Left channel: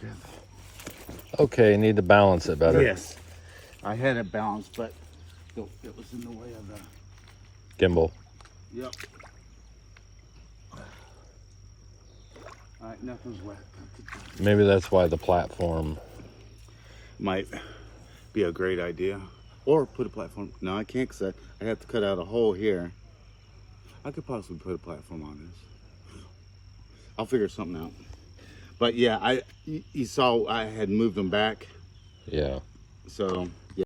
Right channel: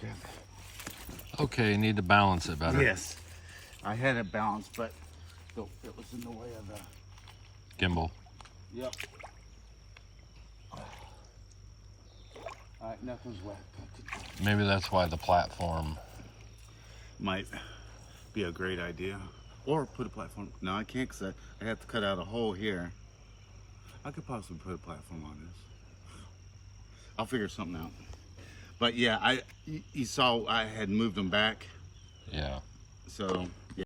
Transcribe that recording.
good. Okay, need to balance it better. Yes, I had it balanced, but it was in the way of the Gimbal. Yep. All right, nothing's wet. Maybe that's why the platform. Might be a great idea. Or put a platform. No, I can't, because I have to cut out a hole here. I could possibly put a platform on this. I'll figure something out. But yeah, you saw I had moved them back. Yeah. So